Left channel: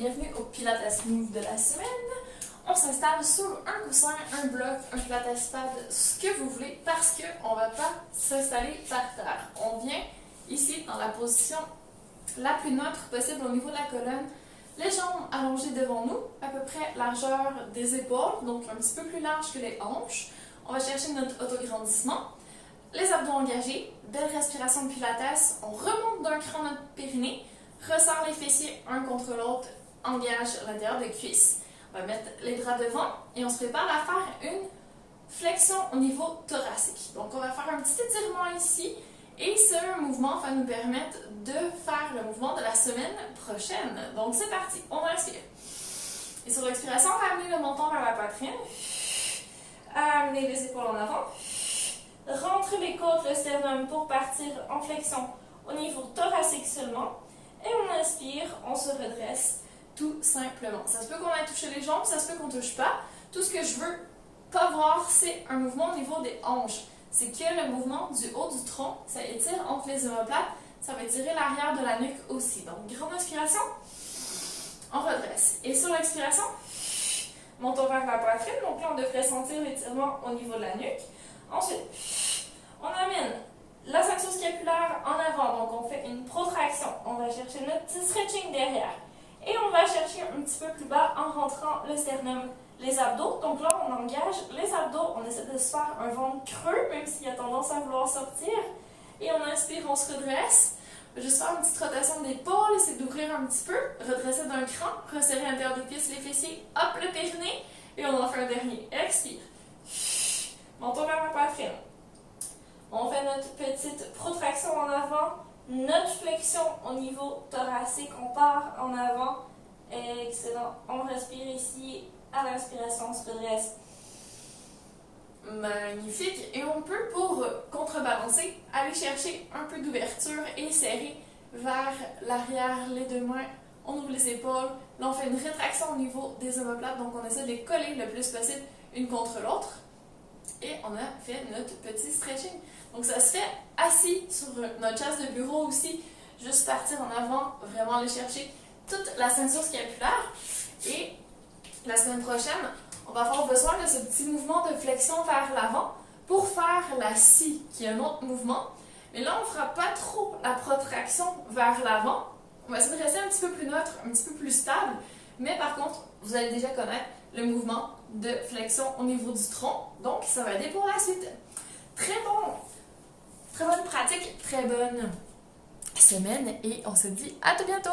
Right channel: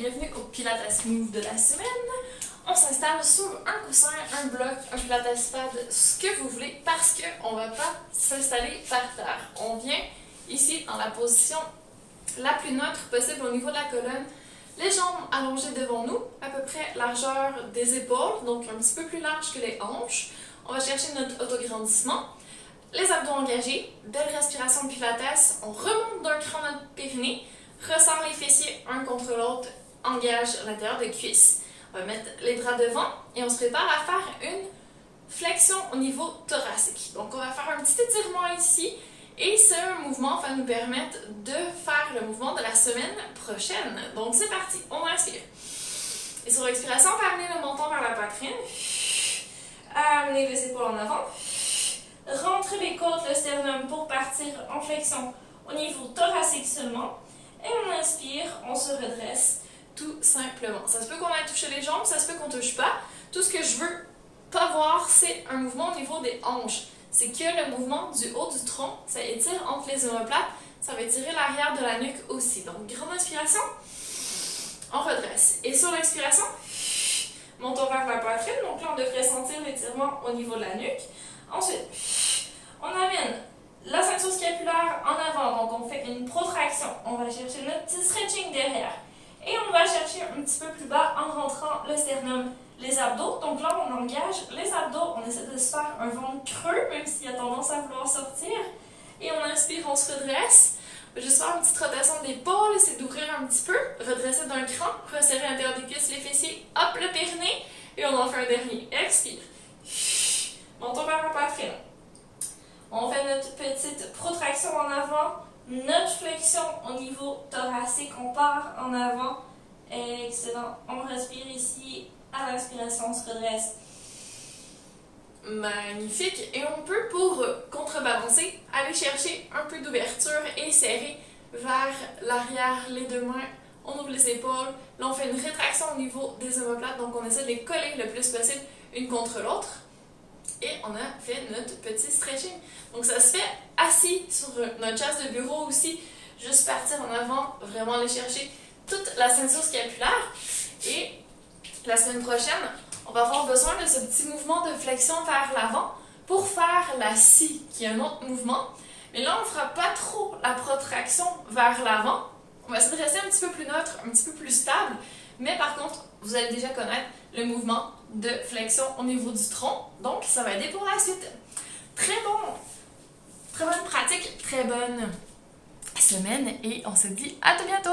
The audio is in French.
bienvenue au Pilates Move de la semaine. On s'installe sur un coussin, un bloc, un Pilates pad, ce que vous voulez, parce qu'on ne va pas s'installer par terre. On vient ici dans la position la plus neutre possible au niveau de la colonne. Les jambes allongées devant nous, à peu près largeur des épaules, donc un petit peu plus large que les hanches. On va chercher notre autograndissement. Les abdos engagés, belle respiration de Pilates. On remonte d'un cran notre périnée, resserre les fessiers un contre l'autre, engage l'intérieur des cuisses. On va mettre les bras devant et on se prépare à faire une flexion au niveau thoracique. Donc on va faire un petit étirement ici et ce mouvement va nous permettre de faire le mouvement de la semaine prochaine. Donc c'est parti, on respire. Et sur l'expiration, on va amener le menton vers la poitrine, amener les épaules en avant, rentrer les côtes, le sternum pour partir en flexion au niveau thoracique seulement. Et on inspire, on se redresse tout simplement. Ça se peut qu'on aille toucher les jambes, ça se peut qu'on ne touche pas. Tout ce que je veux pas voir, c'est un mouvement au niveau des hanches. C'est que le mouvement du haut du tronc, ça étire entre les omoplates, ça va étirer l'arrière de la nuque aussi. Donc, grande inspiration, on redresse. Et sur l'expiration, montons vers la poitrine. Donc là, on devrait sentir l'étirement au niveau de la nuque. Ensuite, on amène la ceinture scapulaire en avant, donc on fait une protraction. On va chercher notre petit stretching derrière. Et on va chercher un petit peu plus bas en rentrant le sternum, les abdos. Donc là, on engage les abdos, on essaie de se faire un ventre creux, même s'il y a tendance à vouloir sortir. Et on inspire, on se redresse. On va juste faire une petite rotation d'épaule, essayer d'ouvrir un petit peu, redresser d'un cran, resserrer l'intérieur des cuisses, les fessiers, hop, le périnée. Et on en fait un dernier. Expire. Montons vers la poitrine. On fait notre petite protraction en avant, notre flexion au niveau thoracique. On part en avant. Excellent. On respire ici. À l'inspiration, on se redresse. Magnifique. Et on peut, pour contrebalancer, aller chercher un peu d'ouverture et serrer vers l'arrière les deux mains. On ouvre les épaules. Là, on fait une rétraction au niveau des omoplates. Donc, on essaie de les coller le plus possible une contre l'autre. Et on a fait notre petit stretching. Donc ça se fait assis sur notre chaise de bureau aussi. Juste partir en avant, vraiment aller chercher toute la ceinture scapulaire. Et la semaine prochaine, on va avoir besoin de ce petit mouvement de flexion vers l'avant pour faire la scie, qui est un autre mouvement. Mais là, on ne fera pas trop la protraction vers l'avant. On va essayer de rester un petit peu plus neutre, un petit peu plus stable. Mais par contre, vous allez déjà connaître le mouvement de flexion au niveau du tronc. Donc, ça va aider pour la suite. Très bonne pratique, très bonne semaine et on se dit à tout bientôt!